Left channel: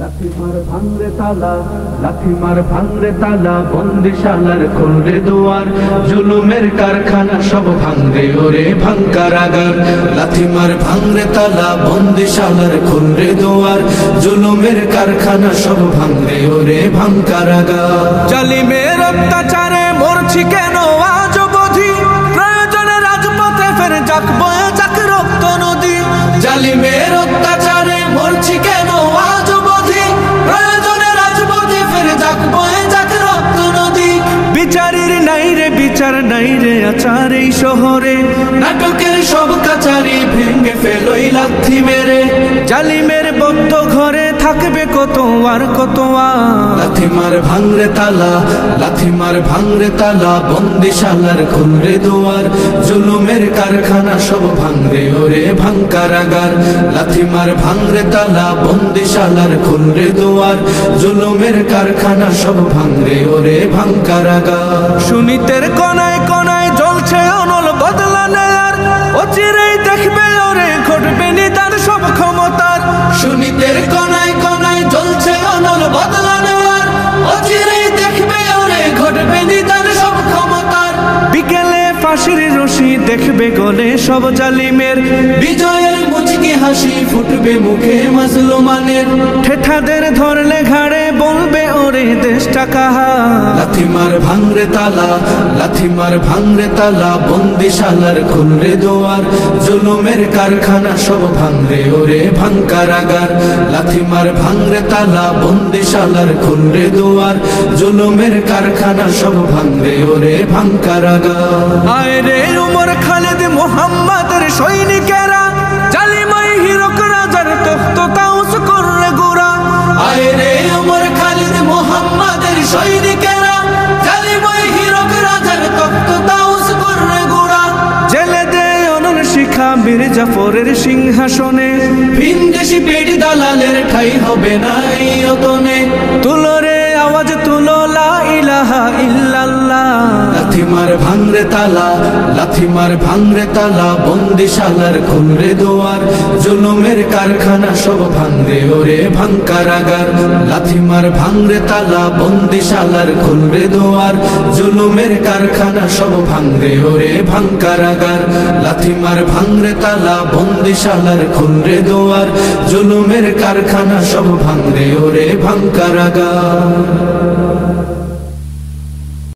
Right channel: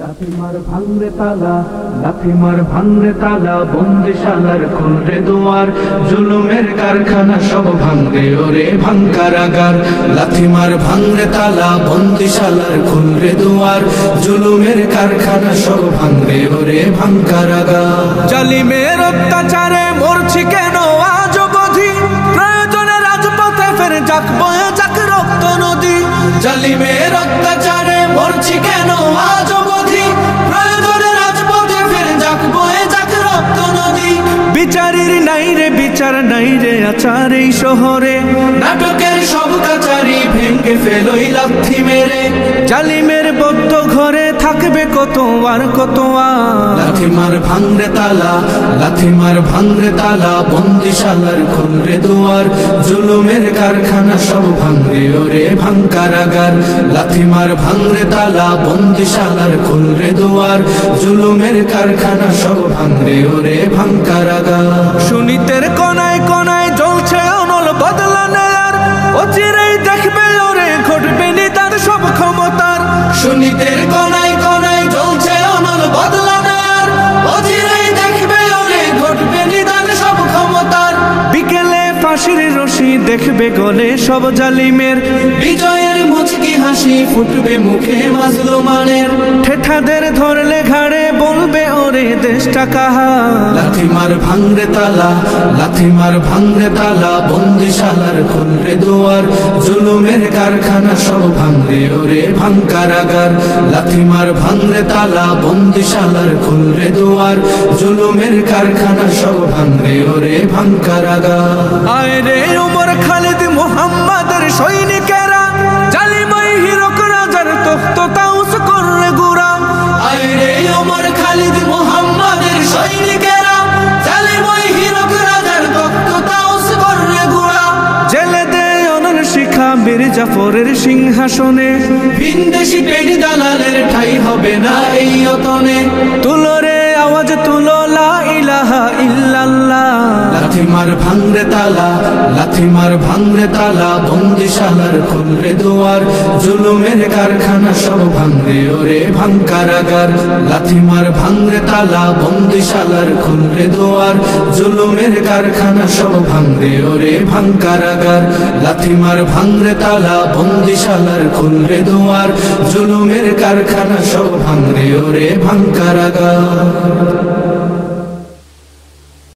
লাথিমার ভাঙরে তালা, লাথিমার ভাঙরে তালা, বন্দিশালার খুলরে দুয়ার, জুলুমের কারখানা সব ভাঙরে ওরে ভাঙকারাগার। লাথিমার ভাঙরে তালা, বন্দিশালার খুলরে দুয়ার, জুলুমের কারখানা সব ভাঙরে ওরে ভাঙকারাগার। জালিমের অত্যাচারে মরছি কেন আজ অবধি, প্রয়োজনে রাজপথে ফের যাক বয়ে যাক রক্ত নদী। জালিমের অত্যাচারে মরছি কেন আজ অবধি, প্রয়োজনে রাজপথে ফের যাক বয়ে যাক রক্ত নদী। বিচারের নাই রে বিচার নাই রে আচার এই শহরে, নাটকের সব কাচারি ভেঙে ফেলোই লাথি মেরে। জালিমের বদ্ধ ঘরে থাকবে কত আর কত আর। লাথিমার ভাঙরে তালা, লাথিমার ভাঙরে তালা, বন্দিশালার খুলরে দুয়ার, জুলুমের কারখানা সব ভাঙরে ওরে ভাঙকারাগার। লাথিমার ভাঙরে তালা, বন্দিশালার খুলরে দুয়ার, জুলুমের কারখানা সব ভাঙরে ওরে ভাঙকারাগার। সুনীতের কনায় কনায় জ্বলছে অনল বদলা নেয়ার, অচিরেই দেখবে ওরে ঘটবে নিদান সব ক্ষমতার। সুনীতের কনায় কনায় জ্বলছে অনল বদলা নেয়ার, অচিরেই দেখবে ওরে ঘটবে নিদান সব ক্ষমতার। বিকেলে ফাঁসির রশি দেখবে গলে সব জালিমের, বিজয়ের মুচকি হাসি ফুটবে মুখে মাজলুমানের। ঠেঠাদের ধরলে ঘাড়ে বলবে ওরে দেশটা কাহা। লাথিমার ভাঙরে তালা, লাথিমার ভাঙরে তালা, বন্দিশালার খুলরে দুয়ার, জুলুমের কারখানা সব ভাঙরে ওরে ভাঙকারাগার। লাথিমার ভাঙরে তালা, বন্দিশালার খুলরে দুয়ার, জুলুমের কারখানা সব ভাঙরে ওরে ভাঙকারাগার। আয় রে উমর খালিদ মুহাম্মাদের সৈনিকেরা, জালিমাই হিরক রাজার তখ্ত তাউস করলে গুরা। আয় রে উমর খালিদ মুহাম্মাদের সৈনিকেরা, জালিমাই হিরক রাজার তখ্ত তাউস করলে গুরা। জেলে দে অনল শিখা বীর জাফরের সিংহাসনে, ভিনদেশি পেট দালালের ঠাই হবে না এই অতনে। তুলো রে আওয়াজ তুলো লা ইলাহা ইল্লাল্লাহ। লাথিমার ভাঙরে তালা, লাথিমার ভাঙরে তালা, বন্দিশালার খুলরে দুয়ার, জুলুমের কারখানা সব ভাঙরে ওরে ভাঙকারাগার। লাথিমার ভাঙরে তালা, বন্দিশালার খুলরে দুয়ার, জুলুমের কারখানা সব ভাঙরে ওরে ভাঙকারাগার। লাথিমার ভাঙরে তালা, বন্দিশালার খুলরে দুয়ার, জুলুমের কারখানা সব ভাঙরে ওরে ভাঙকারাগার।